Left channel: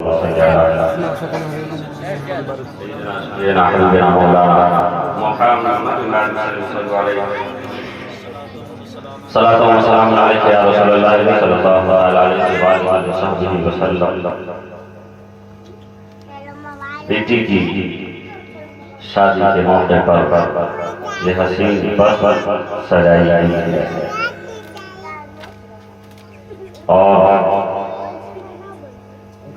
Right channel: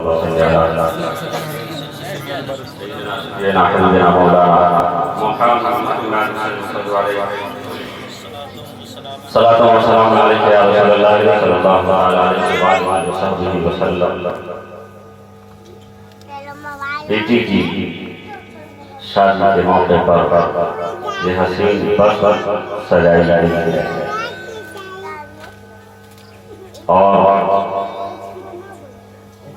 صلاۃ و سلام علیک یا رسول اللہ صلی اللہ علیہ وآلہ وسلم۔ بیٹی کی شادی کے موقع پر یہ حسین بس سجائی گئی ہے اور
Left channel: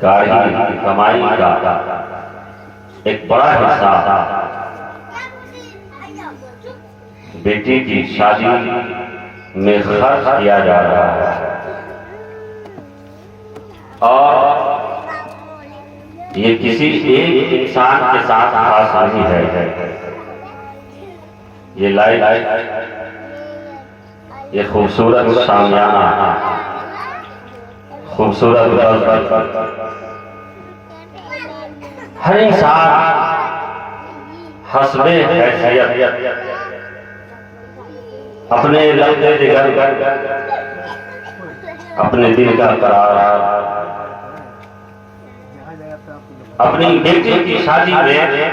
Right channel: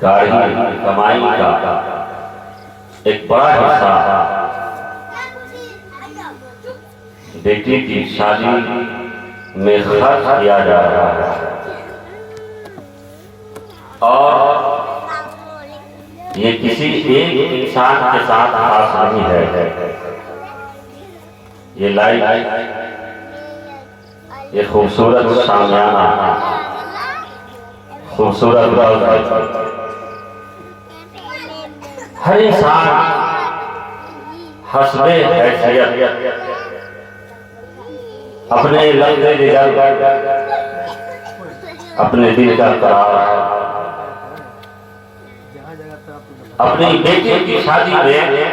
گاڑی کی کمائی کا ایک بڑا حصہ بیٹی کی شادی میں خرچ کیا جا رہا ہے، اور یہ کسی ایک انسان کے ساتھ خاص نہیں ہے۔ یہ لائٹ، یہ خوبصورت شامیانہ، خوبصورت ہر انسان حسب حیثیت اپنے لفظ جگر، اپنے دل کا قرار اپنی بیٹی کی شادی میں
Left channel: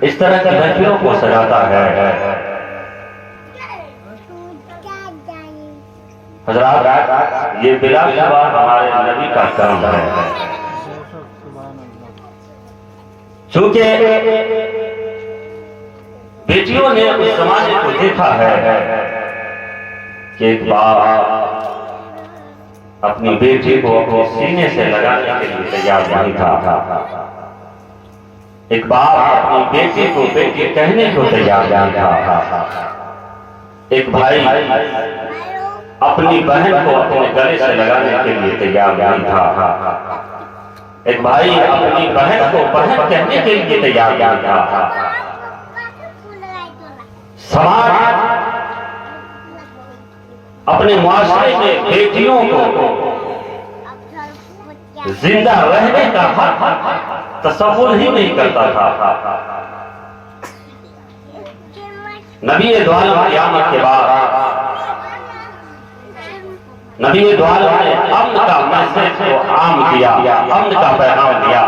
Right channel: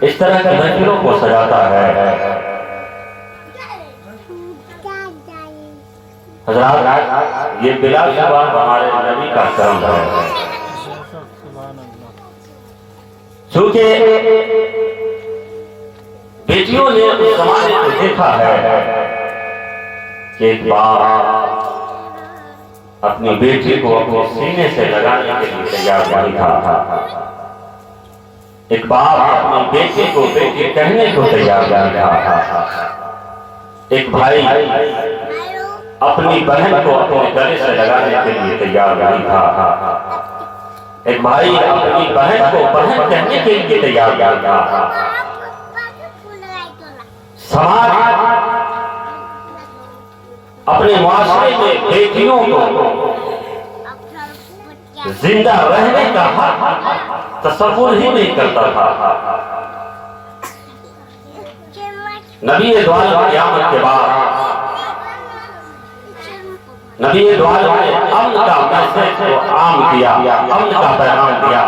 اس طرح کی محفلوں کو سجاتا ہے۔ حضرات، یہ بلا شبہ ہمارے نبی کا کرم ہے، چونکہ بیٹیوں نے اس زمانے کو دیکھا ہے کہ ایک باپ اپنی بیٹی کو اپنے سینے سے لگانے کے لیے تیار نہیں تھا، ایک باپ اپنی بیٹی کو بیٹی کہنے کو تیار نہیں تھا، ایک بھائی اپنی بہن کو اپنے گلے سے لگانے کے لیے تیار نہیں تھا، ایک بھائی اپنی بہن کو بہن کہنے کے لیے تیار نہیں تھا۔ سماج اپنے معاشرے میں بیٹیوں کو زندہ رہنے کا حق تصور ہی نہیں کرتا تھا۔ نبی دو عالم قیامت کے بعد نبی دو عالم نے امن کا میسج کو عام کیا، امن کا پیغام دیا،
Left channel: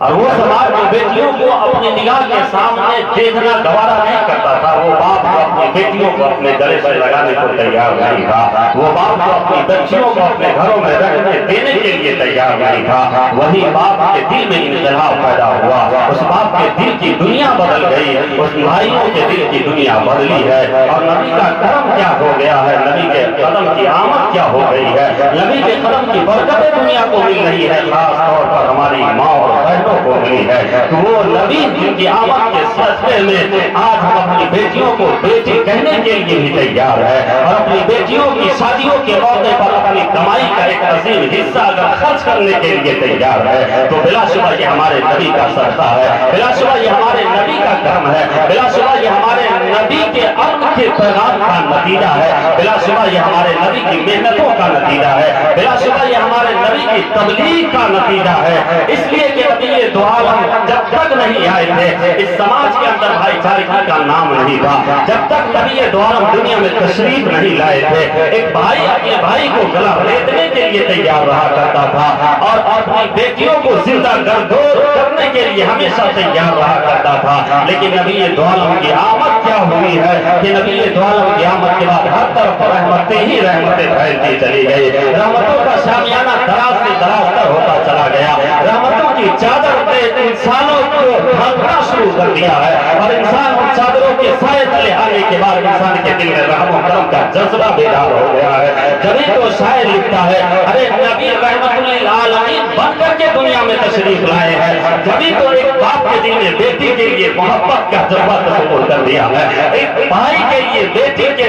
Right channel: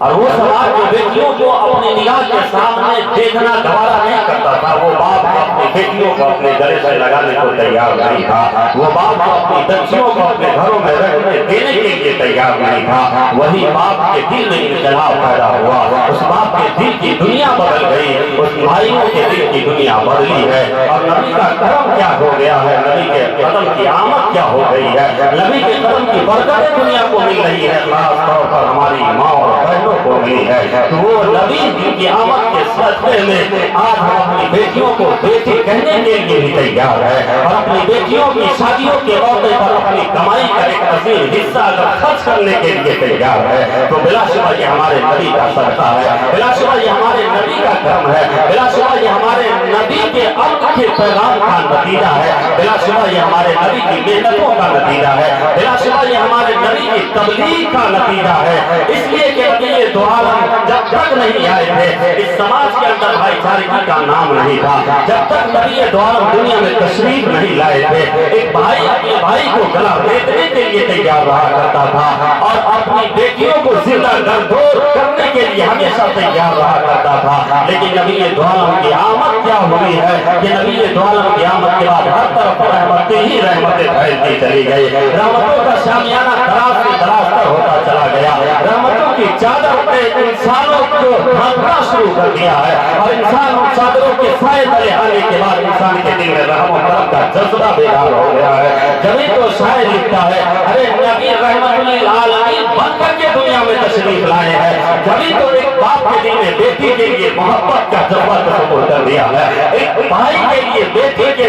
اور وہ سماج میں بیٹیوں کو اپنی نگاہ کے سامنے دیکھنا گوارا نہیں کرتا تھا۔ وہ باپ جو اپنی بیٹیوں کو اپنے گلے سے لگانے کو تیار نہیں تھا، وہ باپ جو اپنی بچیوں کو اپنے گھروں میں رہنے دینے کے لیے تیار نہیں تھا، وہی باپ کے دل میں انقلاب پیدا ہوا، اس باپ کے دل کی دنیا بدل گئی، اس بھائیوں کے دل کی دنیا بدلی ہے، اور نبی کا کرم کیا ہو گیا ہے، نبی کے قدم کی آمد کیا ہو گئی ہے، نبی کے قدم کی برکتیں دنیا کو مل رہی ہے، خاص طور پر ہماری ماں اور بہنوں کو ملی ہے۔ تو وہ نبی جن کی آمد کے صدقے میں آج ہم اپنی بیٹیوں کو بیٹی کہنے کے لیے بھی تیار ہے، اور اپنی بیٹیوں کی شادیوں کے موقع پر اپنی کمائی کا ایک عظیم حصہ اگر خرچ کرنے کے لیے تیار ہے، تو بلا شبہ یہ ہمارے نبی کا صدقہ ہے، بلا شبہ یہ ہمارے نبی کا کرم ہے، بلا شبہ یہ ہمارے نبی کے عقد کے پیغام کا نتیجہ ہے، بلا شبہ یہ ہمارے نبی کی محنتوں کا نتیجہ ہے، بلا شبہ یہ ہمارے نبی کی تبلیغ کا نتیجہ ہے۔ اس لیے کہ نبی دو عالم جب تک نہیں آئے تھے، اس سماج کے اندر بھائی چارگی کا نام نہیں تھا، جب تک نبی دو عالم دنیا میں تشریف نہیں لائے تھے، ایک بھائی اپنے بھائی کو گلا ریتنے کے لیے تیار رہا کرتا تھا، اور اپنی بیٹیوں کو زندہ گردور کرنے کے لیے ہمیشہ تیار رہا کرتا تھا۔ لیکن نبی دو عالم کی آمد کیا ہوئی ہے کہ نبی دو عالم کی آمد کے بعد ہر طرف رحمتیں ہی رحمتیں پھیلتی چلی گئی، رحمتوں کا شامیانہ دراز سے دراز تر ہوتا چلا گیا، رحمتوں کی چادر نے انسانوں کو ڈھانپنا شروع کر دیا ہے، اور انسان ان چادروں کے سائے تلے آنے کے بعد انسان کے دل میں رحم و کرم کا جذبہ بیدار ہو گیا ہے۔ جبھی تو شاعر لکھتا ہے، ارے نبی رحمت للعالمین بن کر کے دنیا میں تشریف لائے ہیں، جبھی تو ایک باپ کے دل میں بیٹی کے لیے محبت کا جذبہ تصور کر دیا ہے، ایک بھائی کے لیے بیٹی کے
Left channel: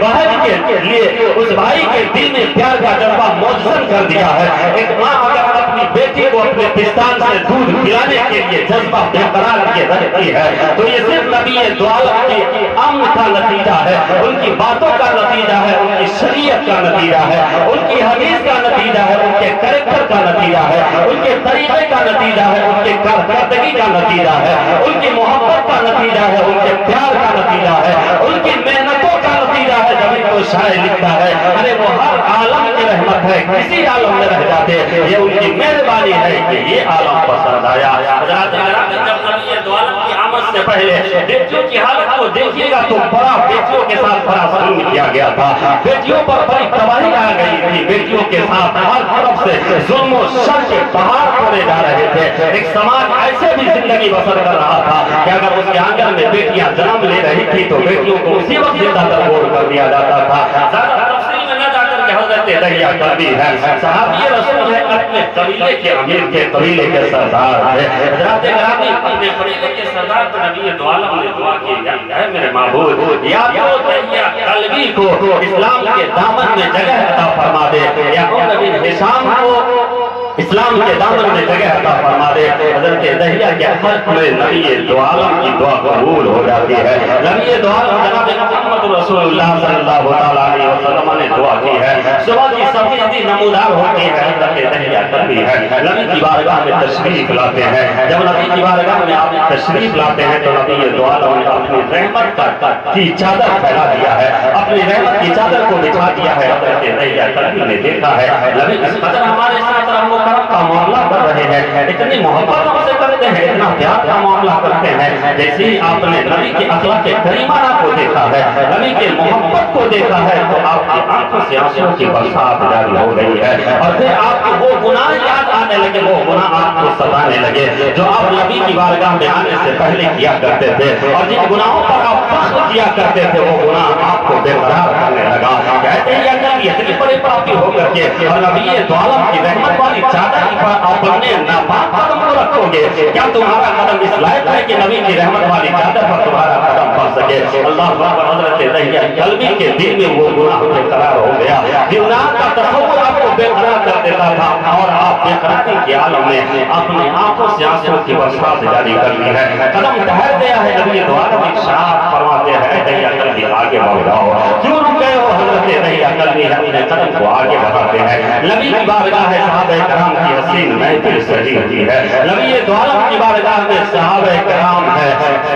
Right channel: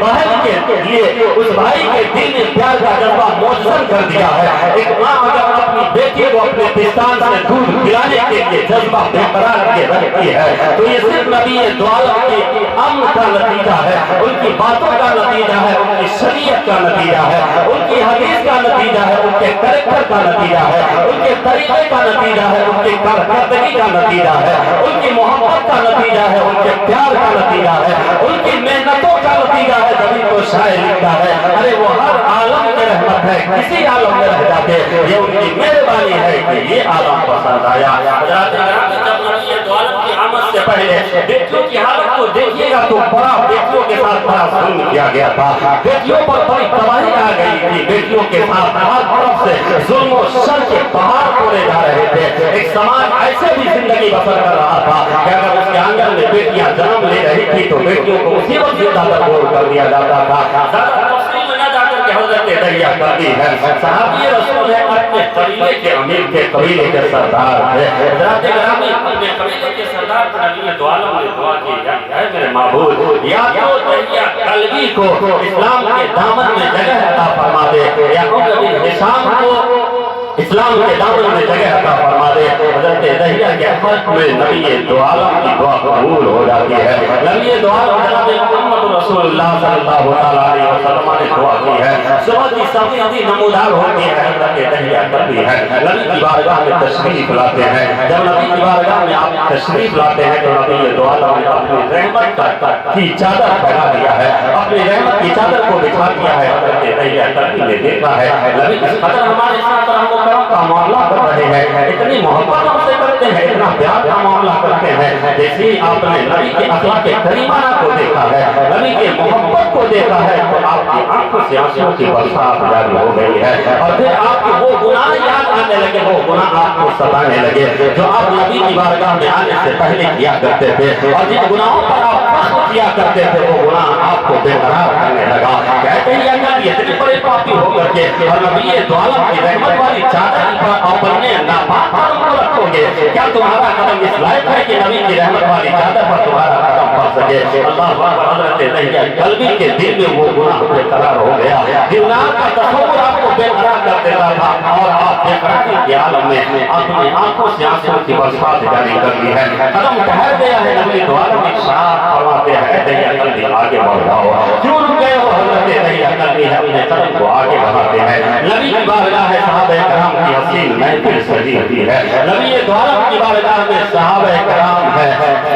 بہن کے لیے اس بھائی کے دل میں پیار کا جذبہ موجود کر دیا ہے۔ ایک ماں اگر اپنی بیٹی کو اپنے پستان سے دودھ پلانے کے لیے جذبہ برقرار کے رکھتی ہے، تو یہ صرف نبی دو عالم کے امن کا نتیجہ ہے، ان کی باتوں کا نتیجہ ہے، ان کی شریعت کا نتیجہ ہے، ان کی حدیث کا نتیجہ ہے، ان کے کریکٹر کا نتیجہ ہے، ان کے طریقے کا نتیجہ ہے، ان کی کارکردگی کا نتیجہ ہے، ان کی محبت کا نتیجہ ہے، ان کے پیار کا نتیجہ ہے، ان کی محنتوں کا نتیجہ नतीजा है तभी तो शायर लिखता है, अरे वो हर आलम की रहमत है, किसी आलम में रह जाते, ये उनकी मेहरबानी है कि ये आलम पसंद आया। जब नबी दो आलम की आमद से पहले बेटियों की हालत को देखिएगा तो बड़ा बेटियों के साथ बड़ा जुल्म किया गया था, बेटियों पर बड़ी तबाही आ गई थी, बेटियों के साथ हर तरफ से जुल्म और शर के पहाड़ तोड़े जा रहे थे। एक समाज ऐसे भी जिंदगी बसर कर रहा था कि अगर उसके आंगन में बेटियां जन्म ले रही थी तो बेटियों को उसी वक्त जिंदा दरगोर कर दिया जाता था। ज्यादा तफसील में न जाकर के हजरत दरिया कल्बी है, सहाबी रसूल है, अपने कबीले के अमीर के कबीले के सरदार थे। हजरत ग्रामी अपने कबीले के सरदार पर नबी दो आलम ने दुआ की, है मेरे महबूब या तो दरिया कल्बी को इस्लाम के दामन में जगह अता फरमा दे, या नबी हिशाम को इस्लाम के दामन में जगह अता फरमा दे। हजरत दहिया के हक में नबी दो आलम की दुआ कबूल हो जाती है। नबी दो आलम जनाब मुहम्मद रसूलुल्लाह सल्लल्लाहु अलैहि वसल्लम ने दुआ की है, सुबह की सफेदी नमूदार होती है। हजरत दहिया कल्बी है, नबी की बारगाह में तशरीफ लाते हैं। जब नबी की बारगाह में आप तशरीफ लाते हैं तो नबी दो आलम ने अपनी रहमत की चादर फैला दिया है, अपनी रहमत की चादर को बिछा दिया है। हजरत दहिया कल्बी ने देखा है नबी इस कदर हमारे साथ रहमत का मामला कर रहे हैं, इतनी मोहब्बत हमसे करते हैं, इतना प्यार का मामला करते हैं। जैसे ही आपने नबी के अखलाक करीमाना को देखा है, नबी के मोहब्बत को देखा है तो आपकी आंखों से आंसुओं की बरसात जारी हो गई है, और फिर आपको वो गुनाह याद आने लगे, वो गुनाह आपको सताने लगे जो आप नबी की बारगाह में आने से पहले किया करते थे, और जिन गुनाहों पर आप फख्र किया करते थे वो गुनाह आपको बेकरार करने लगा। कहते हैं या नबी इतने बड़े पापी होकर के और नबी दो आलम की रहमत वाली अपने नापाक कदम को रखोगे, क्या तुम्हारा कदम इस लायक है कि नबी की रहमत वाली चादर पर तुम्हारा कदम पड़ सके? अल्लाह हजरत दहिया कल्बी के दिल में वो गुनाह बेकरार हो गया, गुनाह का तस्वुर आपको बेकरार कर देता था, और आप बेकरारी के आलम में अपनी आंखों से आंसुओं की बरसात जारी कर दी है। कदम ठहर गया है, नबी दो आलम इरशाद फरमाते हैं दहिया कल्बी आगे बढ़ जाओ, क्यों रुक गए हो? हजरत दहिया कल्बी अपने कदम को आगे बढ़ाते हैं। नबी की बारगाह है, सहाबा कराम की हसीन महफिल सजी हुई है। नबी दो आलम की बारगाह में सहाबा कराम है,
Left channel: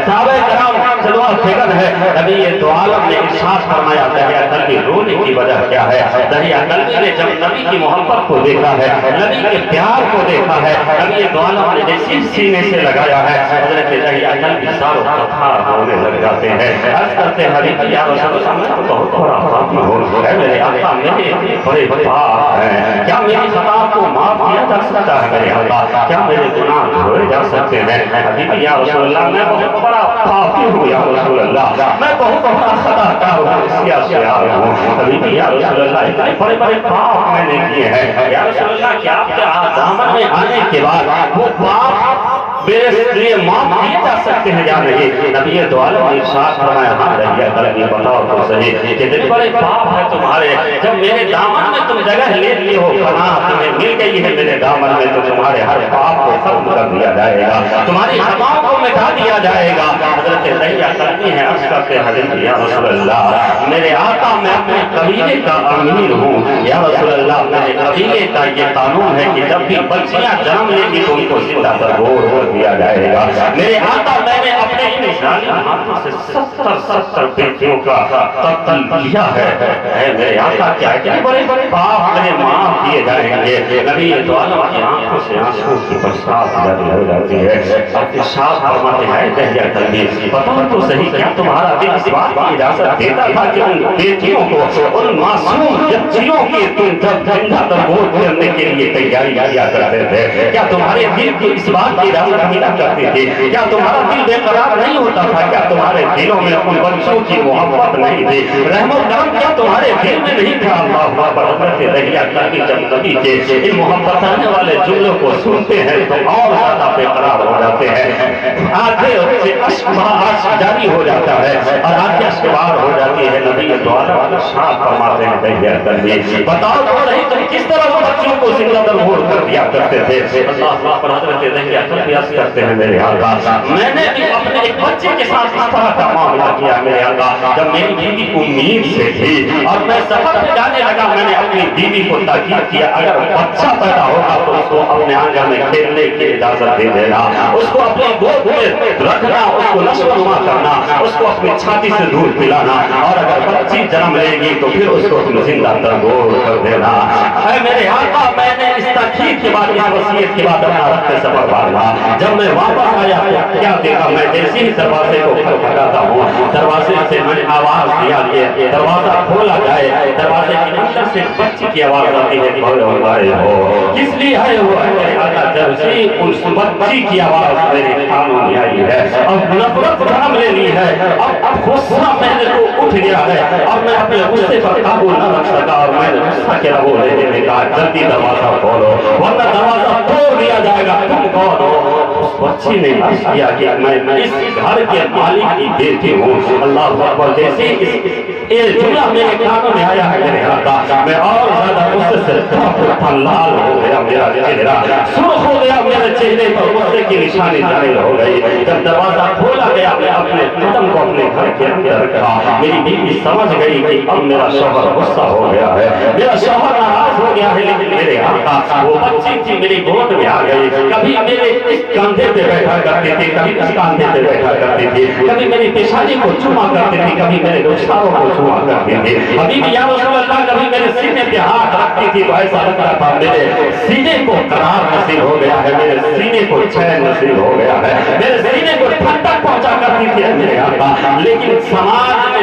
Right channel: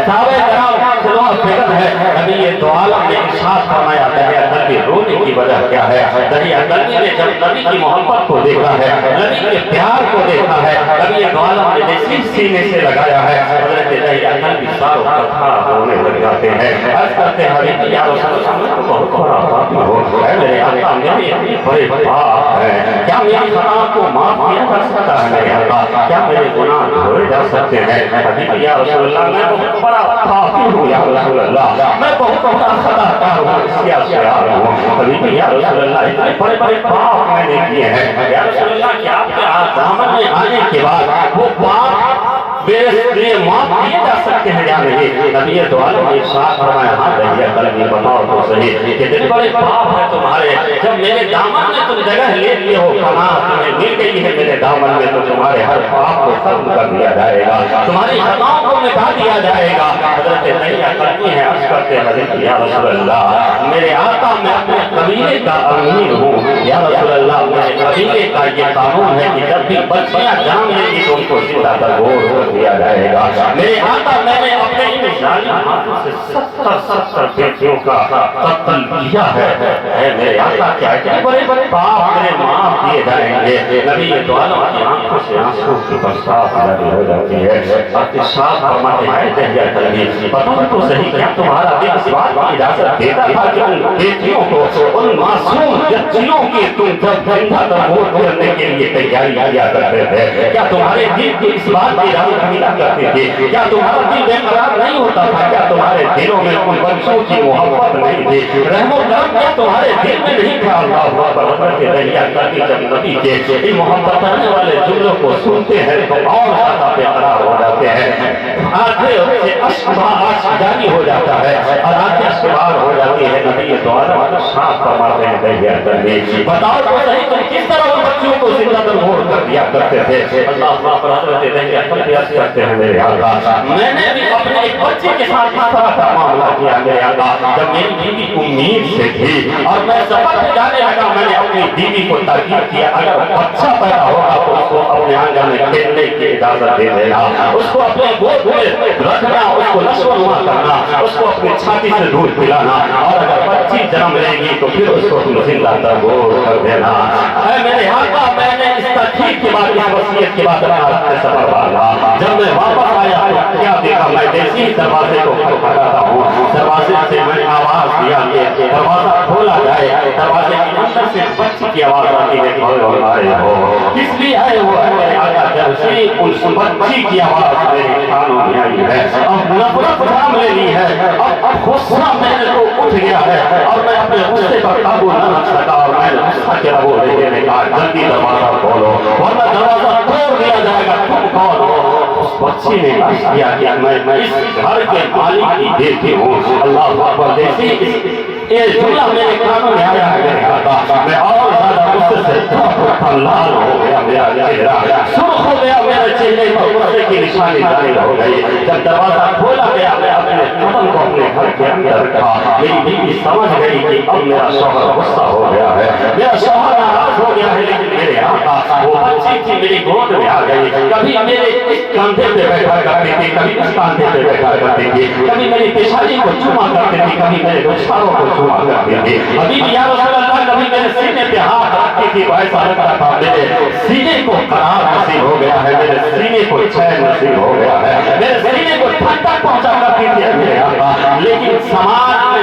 सहाबा कराम जलवा फिक्र है। नबी दो आलम ने इरशाद फरमाया दरिया कल्बी रोने की वजह क्या है? दरिया कल्बी ने जब नबी की मोहब्बत को देखा है, नबी के प्यार को देखा है, नबी दो आलम ने जैसे सीने से लगाया है, हजरत दरिया कल्बी सारों कथा होने लग जाते हैं। अर्ज करते हैं हबीब या रसूल अल्लाह, मैं तो बहुत बड़ा पापी हूं, है मेरे आका मेरे इतने बड़े पाप हैं, क्या मेरी खता को माफ किया जा सकता है मेरे अल्लाह? क्या मेरे गुनाह धोए जा सकते हैं? हबीब या रसूल अल्लाह, मैं बहुत बड़ा पापी हूं या रसूल अल्लाह, मैं बहुत बड़ा खताकार हूं, सियार हूं। हबीब या रसूल अल्लाह, इतने बड़े बड़े पाप मैंने किए हैं या रसूल अल्लाह, क्या आपके दामन में आने के बाद वो पाप मेरे लिए माफ किए जा सकते हैं या नहीं? नबी दो आलम ने इरशाद फरमाया, हाँ दरिया कल्बी बताओ तो सही, कितने बड़े पाप है तुम्हारे, जब मेरे दामन में तुम जगह ले लिए हो, पनाह तुम्हें मिल गई है मेरे दामन में, तो तुम्हारे हर पाप को खत्म कर दिया जाएगा, तुम्हारी खताओं को मिटा दिया जाएगा। हजरत दरिया कल्बी है, अर्ज करते हैं हबीब या रसूल अल्लाह, मेरे आका मैं अपने कबीले का अमीर हूँ या रसूल अल्लाह, मेरे कबीले का ये कानून है कि जब भी बच्चियां जन्म लेगी तो उनको जिंदा दरगोर हो दिया जाएगा। मेरे आका मैंने अपने इन जालिम हाथों से 70 बेटियों का कत्ल किया है। मेरे आका क्या इतने बड़े बड़े पाप मेरे माफ किए जाएंगे? नबी दो आलम की आंखों से आंसू की बरसात जारी हो जाती है। इरशाद फरमाते हैं दरिया कल्बी, बताओ तो सही, क्या तुम्हारा दिल इस बात की इजाजत देता था कि उन बेटियों को, उन मासूम बच्चियों की तुम जब जिंदा दरगोर करने के लिए तैयारी किया करते थे? क्या तुम्हारे दिल की इस बात की इजाजत मिला करती थी? क्या तुम्हारा दिल बेकरार नहीं होता था? क्या तुम्हारे दिलों में उन बच्चों की मोहब्बत नहीं थी? रहमो करम क्या तुम्हारे दिल में नहीं था? अल्लाह पर हजरत दरिया कल्बी जब नबी के इन मोहब्बत आने वाले जुमलों को सुनते हैं तो और ज्यादा बेकरार हो जाते हैं, आंखें से अश्क जारी हो जाता है और आंखें अश्क बाहर हो जाती है। नबी द्वारा साफ फरमाते हैं दरिया कल्बी, बताओ तो सही तुम किस तरह उन बच्चियों को जिंदा दरगोर कर दिया करते थे? अल्लाह पर हजरत दरिया कल्बी अर्ज करते हैं मेरे आका, मैंने भी अपने एक बच्चे के साथ इस तरह का मामला किया मेरे आका, जब मेरी बीवी उम्मीद से थी और मैं सफर पे जाने लगा, मैंने अपनी बीवी को ताकीद किया अगर बच्चा पैदा होगा तो उसको अपने आंगन में खेलने की इजाजत दे देना, उसको अपने गोद में रखना, उसको नशोनुमा करना, उसको अपनी छाती से दूध पिलाना, और अगर बच्ची जन्म लेगी तो फिर उसको तुम जिंदा तरगोर कर देना। ऐ मेरे आका, मैंने इस तकलीफ के बाद, इस वसीयत के बाद अपना रक्त सफर बांधा। जब मैं वापस आया तो क्या देखा, मैं जैसे ही दरवाजे को खटखटाता हूँ, दरवाजे से मैंने आवाज दिया, ये दरवाजा खोला जाए। दरवाजे के अंदर से बच्ची की आवाज आती है, किस लिए है वो है मेरे आका। जब से उस बच्ची की आवाज मेरे कानों में आई है, अब नफरत जन्म ले ली है, अब गुस्सा मेरे को उठ गया है, और मैं अपने गुस्से पर काबू न रख सका, और मैंने गुस्सा के रवो लेके कहा जल्दी दरवाजा खोलो वरना दरवाजा तोड़ दिया जाएगा, तुम कौन हो। उस बच्ची ने किया कि मैं इस घर के मालिक की बेटी हूँ। अल्लाह अकबर। जैसे ये जुमला मेरे कानों में आया है मेरे आका, मैं और ज्यादा गुस्से से लाल हो गया, मेरा चेहरा सुर्ख हो गया, मेरे चेहरे पर गुस्से की निशानी जाहिर हो गई। जब दरवाजा खोला गया, मैं अपने कदम को अपने घर के अंदर रखा। मेरी बीवी समझ गई कि अब मेरा शौहर गुस्सा हो गया है, मेरा शौहर नाराज हो गया है। लेकिन मेरे आका, वो बच्ची थी मेरी गोद में आ गई, कभी मेरे इस कंधे पे बैठा करती थी, कभी इस कंधे पे बैठा करती थी, कभी मेरी पेशानी को चूमा करती थी, कभी मेरे रुखसारों को चूमा करती थी। अभी या रसूल अल्लाह, कभी मेरे सीने पे हाथ रखती थी, तो ऐसा लगता था मेरे सीने को करार नसीब हो गया है, मेरे सीने को चैन नसीब हो गया है, मेरे सीने को ठंडक पहुंचा करती थी मेरे आका। लेकिन समाज में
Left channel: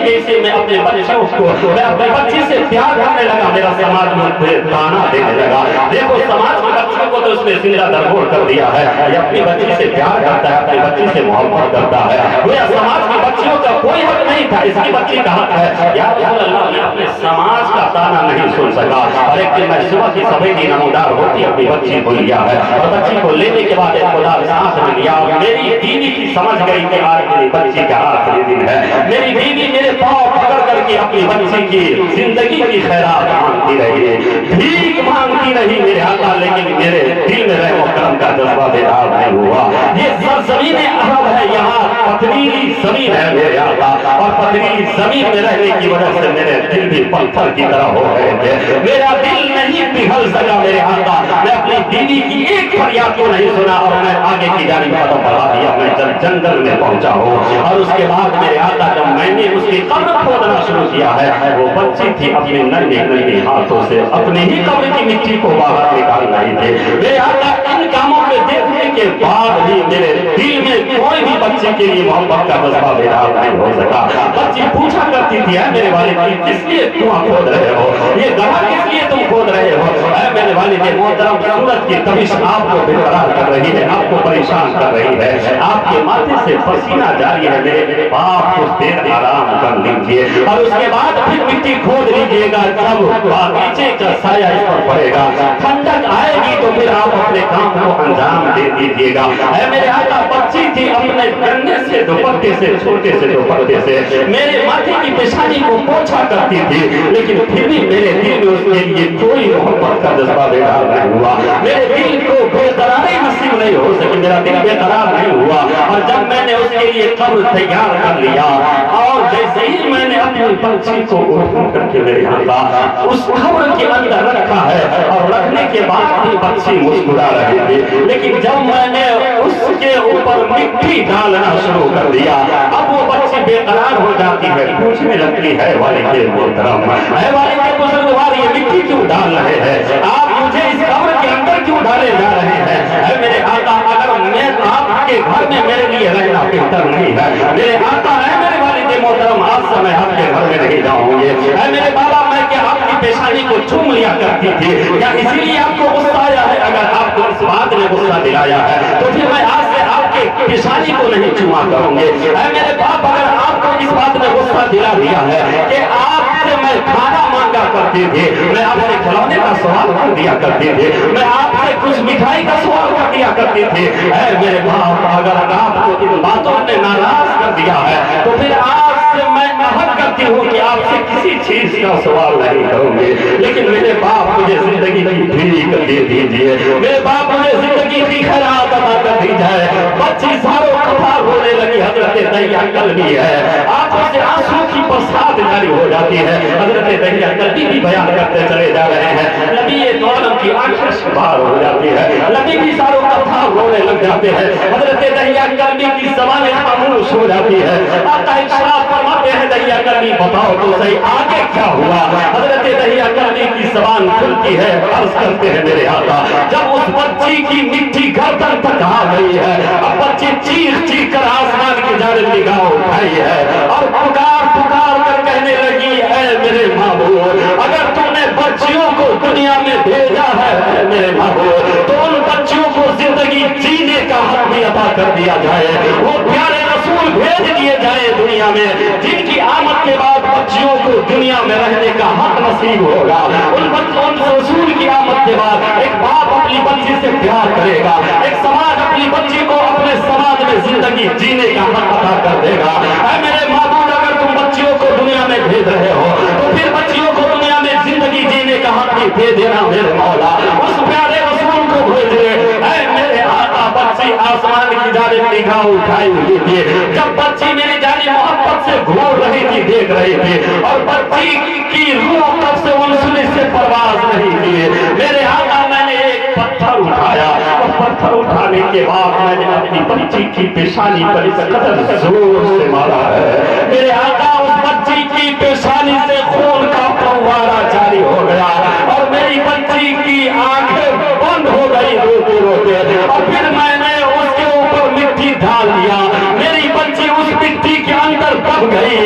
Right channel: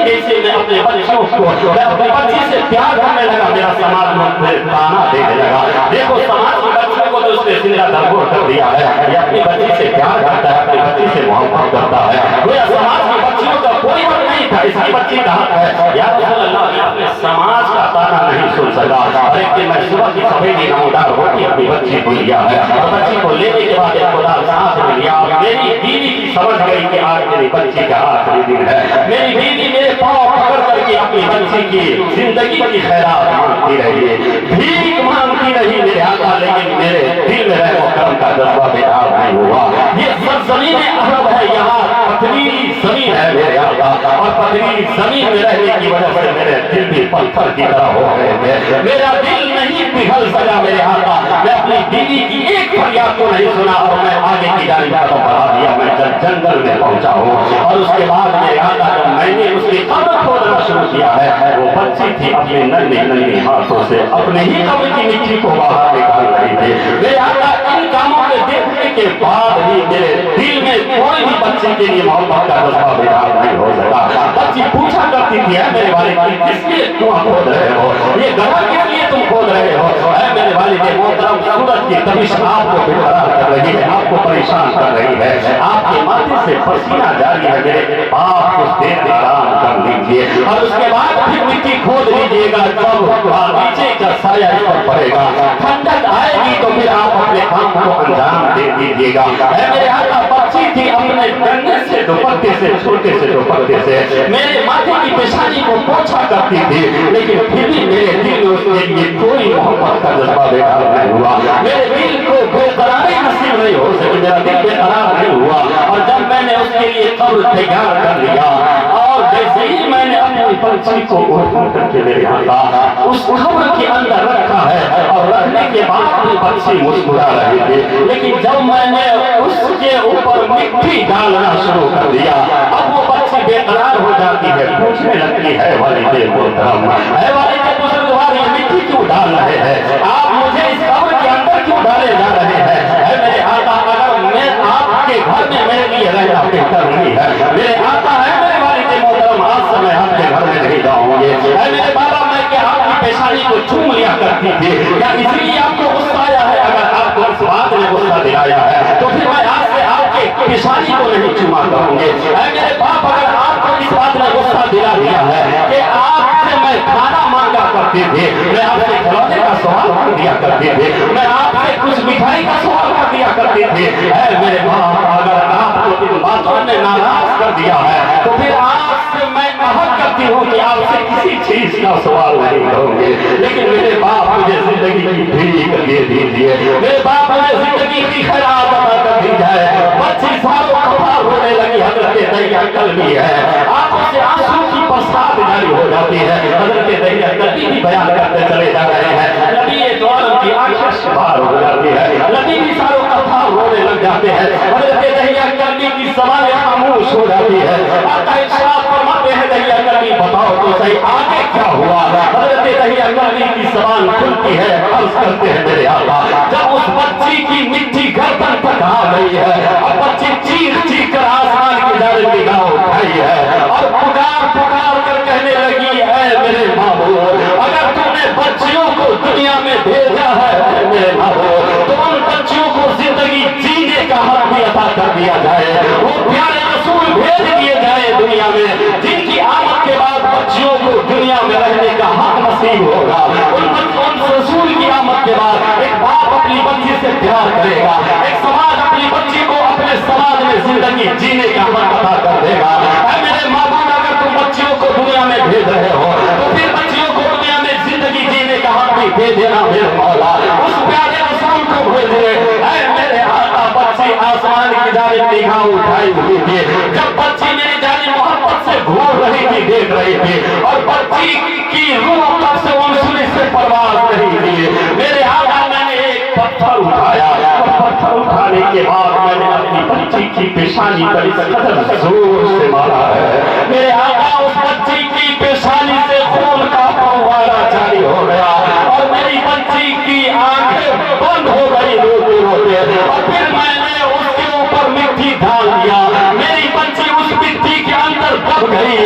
जैसे मैं अपने बच्चों को, मैं अपने बच्ची से प्यार करने लगा, मेरा समाज मुझे ताना देने लगा। देखो समाज के बच्चों को तो उसने जिंदा दरगोर कर दिया है, ये अपनी बच्ची से प्यार करता है, अपनी बच्ची से मोहब्बत करता है। वो समाज की बच्चियों का कोई हक नहीं था, इसकी बच्ची का हक है। या रसूल अल्लाह, मैं अपने समाज का ताना नहीं सुन सका, और एक दिन मैं सुबह की सवेरी नमूदार होती अपनी बच्ची को लिया है, और बच्ची को लेने के बाद एक खुदा सांस में लिया। मेरी बीवी की समझ गई कि आज मेरी बच्ची का आखिरी दिन है। मेरी बीवी मेरे पांव पकड़ करके अपनी बच्ची की जिंदगी की खैरात मांगती रही, भीख मांगती रही मेरे आका, लेकिन मेरे दिल में रहम और करम का जज्बा बेदार नहीं हुआ। ये सरजमीन अरब है, यहाँ पथरीली जमीन है मेरे आका, और पथरीली जमीन में रहने की वजह से मेरे दिल भी पत्थर की तरह हो गए थे। मेरा दिल नहीं पिघल सका मेरे आका, मैं अपनी बीवी की एक फरियाद को नहीं सुना, और मैं आगे की जानिब कदम बढ़ा दिया। मैं जब जंगल में पहुंचा हूँ, और उसके बाद मेरे आका जब मैंने उसकी कब्र खोदना शुरू किया है, वो बच्ची थी अपने नन्हे नन्हे हाथों से अपने ही कब्र की मिट्टी को बाहर निकाल रही थी। मेरे आका, इन कामों में देखने के बाद भी मेरे दिल में कोई भी बच्ची के लिए मोहब्बत का जज्बा बेदार नहीं हो सका। बच्ची पूछा करती थी, मेरे वालिद किस लिए कुआं खोद रहे हो, ये गड्ढा किस लिए तुम खोद रहे हो। मेरे वालिद मोहतरम, सूरज की तपिश आपको बेकरार कर रही है, आपको परेशान कर रही है, आपके माथे से पसीना जारी है, मेरे बाप कुछ देर आराम कर लीजिए, और उसके बाद फिर मिट्टी खोद लीजिएगा। जब नीचे का साया इस पर पड़ेगा, ठंडक आएगी तो फिर आप अपने काम को अंजाम दे दीजिएगा। मेरे आका, बच्ची थी अपने गन्ने से दुपट्टे से, छोटे से दुपट्टे से मेरे माथे की पेशानी को पोंछा करती थी, लेकिन फिर भी मेरे दिल में उसके लिए कोई मोहब्बत का जज्बा बेदार नहीं हुआ। मेरे दिल को बेकरारी नसीब नहीं हो सकी, मेरा दिल बेकरार नहीं हुआ। और जब मैंने उसके लिए कब्र तैयार कर लिया, और जैसे ही मैंने अपनी बच्ची को उठा करके मेरे हाथ उस कब्र के अंदर रखा है, और रखने के बाद भी बच्ची मुस्कुरा रही थी, लेकिन जब मैंने उसके ऊपर मिट्टी डालना शुरू कर दिया, अब वो बच्ची बेकरार हो जाती है, पूछने लगती है, वालिद मोहतरम, है वालिद बुजुर्गवार, ये मिट्टी क्यों डाल रहे हैं आप, मुझे इस कब्र के अंदर क्यों डाले जा रहे हैं। है मेरे आका, अगर मैं आपके घर में मेरे लिए रहना बेहतर नहीं है, मेरे आका है मेरे वालिद मोहतरम, आज से मैं आपके घर में नहीं जाऊंगे। है मेरे बाबा, मैं क्या आपकी पेशानी को चूम लिया करती थी, या इसीलिए आपको गुस्सा आया है। अगर आपको इस बात ने गुस्सा दिलाया है तो फिर मैं आज से आपके पेशानी को नहीं चूमा करूंगे। है मेरे बाप, अगर आपको इस बात ने गुस्सा दिला दिया है कि आपसे मैं खाना मांगा करती थी, मैं आपसे खिलौने का सवाल कर दिया करती थी, मैं आपसे कुछ मिठाई का सवाल कर दिया करती थी, है मेरे बाप, अगर आपको इन बातों ने नाराज कर दिया है तो फिर आपसे मैं अहद करती हूँ कि आपसे किसी चीज का सवाल नहीं करूंगी। लेकिन मेरे बाप, मुझे जिंदगी की भीख दे दीजिए, मेरे बाप, मुझे जिंदगी की खैरात अदा कर दी जाए। बच्ची सारों कफार होने लगी, हजरत दहिया कल्बी है, आंखों से आंसू की बरसात जारी हो जाती है। हजरत दहिया कल्बी भी बयान करते चले जा रहे हैं, नबी दो आलम की आंखें अश्कबार हो जाती है, नबी की सारों अल्फाज रोने लग जाते हैं, हजरत दहिया कल्बी की ज़बान खामोश हो जाती है। आका इरशाद फरमाते हैं दहिया कल्बी बताओ तो सही आगे क्या हुआ। हजरत दहिया कल्बी की ज़बान खुलती है, अर्ज़ करते हैं मेरे आका जब उस बच्ची की मिट्टी गर्दन तक आ गई है, अब बच्ची चीख चीख कर आसमान की जानिब निगाह उठाई है और पुकार पुकार कर कहने लगी है मेरे महबूब अगर तूने बच्चियों को दुनिया में भेजा है मेरे महबूब तो उन बच्चियों को जिंदगी जीने का हक भी अता कर दिया जाए। वो प्यारे रसूल भेज दिए जाए दुनिया में जिनकी आमद के बाद बच्चियों को दुनिया में रहने का हक नसीब होगा। उन रसूल की आमद के बाद एक बाप अपनी बच्ची से प्यार करेगा, एक समाज अपनी बच्ची को अपने समाज में जिंदगी जीने का हक अता कर देगा। मेरे महबूब अगर तुम बच्चियों को दुनिया में भेज रहे हो तो फिर बच्चियों को दुनिया में जिंदगी जीने का हक भी दे देना मेरे मौला। उस प्यारे रसूल को भेजे मेरे आका। बच्ची आसमान की जानिब निगाह उठाई हुई थी, जब बच्ची मेरी जानिब मोहब्बत से घूर रही थी देख रही थी और बच्ची की रूह तब से उनसुली से परवाज नहीं की। मेरे आका मैंने एक पत्थर उठाया और पत्थर उठाने के बाद मैंने अपनी बच्ची की पेशानी पर इस कदर जोर से मारा है मेरे आका उस बच्ची की पेशानी से खून का फव्वारा जारी हो गया और मेरी बच्ची की आंखें बंद हो गई रोते रोते और फिर मैंने उसके ऊपर मिट्टी डाल दिया। मेरी बच्ची उस मिट्टी के अंदर दब गई।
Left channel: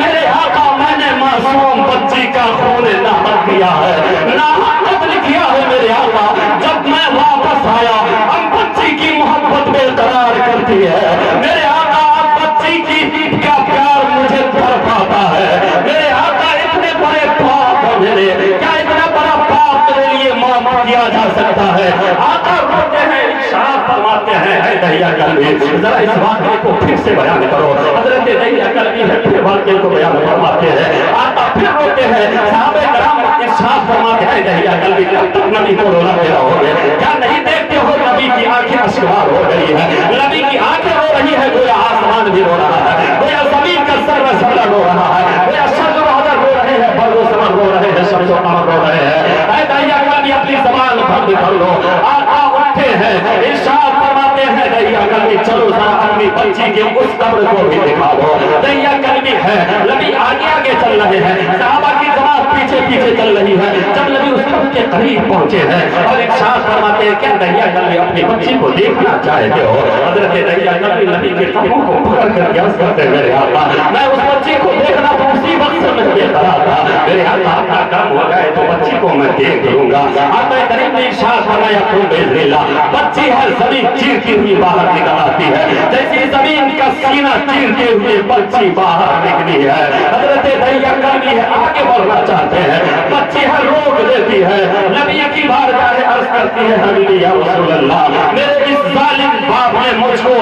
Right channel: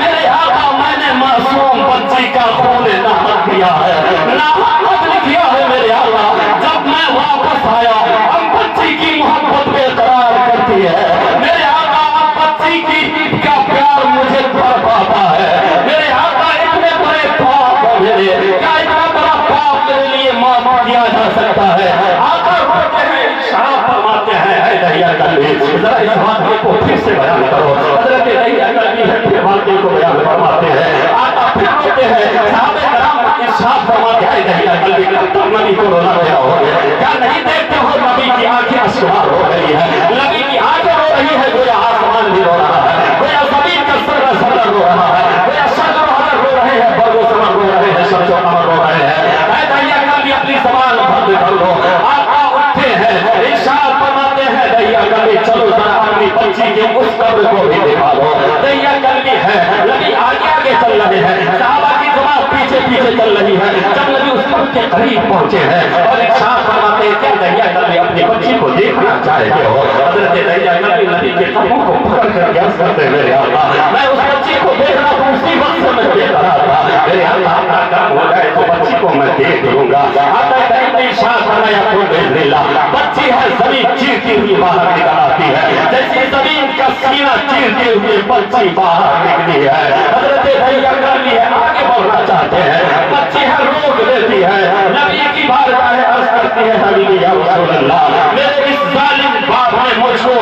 मेरे आका मैंने मासूम बच्ची का खून नाहक किया है, नाहक कत्ल किया है मेरे आका। जब मैं वापस आया अब बच्ची की मोहब्बत बेकरार करती है मेरे आका। अब बच्ची की का प्यार मुझे तड़पाता है मेरे आका। इतने बड़े पाप है मेरे, क्या इतना बड़ा पाप मेरे लिए माफ किया जा सकता है? आका बोलते हैं इरशाद फरमाते हैं ऐ दहिया कल्बी जरा इस वाक़े को फिर से बयान करो। हजरत दहिया कल्बी है फिर वाक़े को बयान फरमाते हैं। आका फिर बोलते हैं सहाबे कराम इरशाद फरमाते हैं दहिया कल्बी कब तक नबी को रोलाते रहोगे? क्या नहीं देखते हो नबी की आंखें अश्कबार हो गई है, नबी की आंखें रो रही है, गोया आसमान भी रो रहा है, गोया जमीन का सर्रा सर्रा रो रहा है, गोया शजर हजर रो रहे हैं, बर्रो समर रो रहे हैं, शम्सो कमर रो रहे हैं। ऐ दहिया कल्बी अपनी ज़बान बंद कर लो। आका उठते हैं इरशाद फरमाते हैं दहिया कल्बी चलो जरा अपनी बच्ची के उस कब्र को भी दिखा दो। दहिया कल्बी है नबी आगे आगे चल रहे हैं, सहाबा की जमात पीछे पीछे चल रही है। जब नबी उस कब्र के करीब पहुंचे हैं और इरशाद फरमाते हैं क्या दहिया कल्बी अपनी बच्ची को देखना चाहते हो? हजरत दहिया कल्बी नबी के कदमों को पकड़ कर क्या करते मेरे आका मैं उस बच्ची को देखना तो उसी वक्त से मैं बेकरार था मेरे आका। अपना काम हो जाए तो बच्ची को मैं देख लूंगा। आका करीम ने इरशाद फरमाया तो बिस्मिल्लाह बच्ची है जमीन चीरती हुई बाहर निकल आती है, जैसे जमीन का सीना चीरते हुए बच्ची बाहर निकली है। हजरत दहिया कल्बी है आगे बढ़ना चाहते हैं, बच्ची है रोक देती है। नबी की बारगाह में अर्ज करती है हबीबी या रसूल अल्लाह मेरे इस जालिम बाप ने मुझको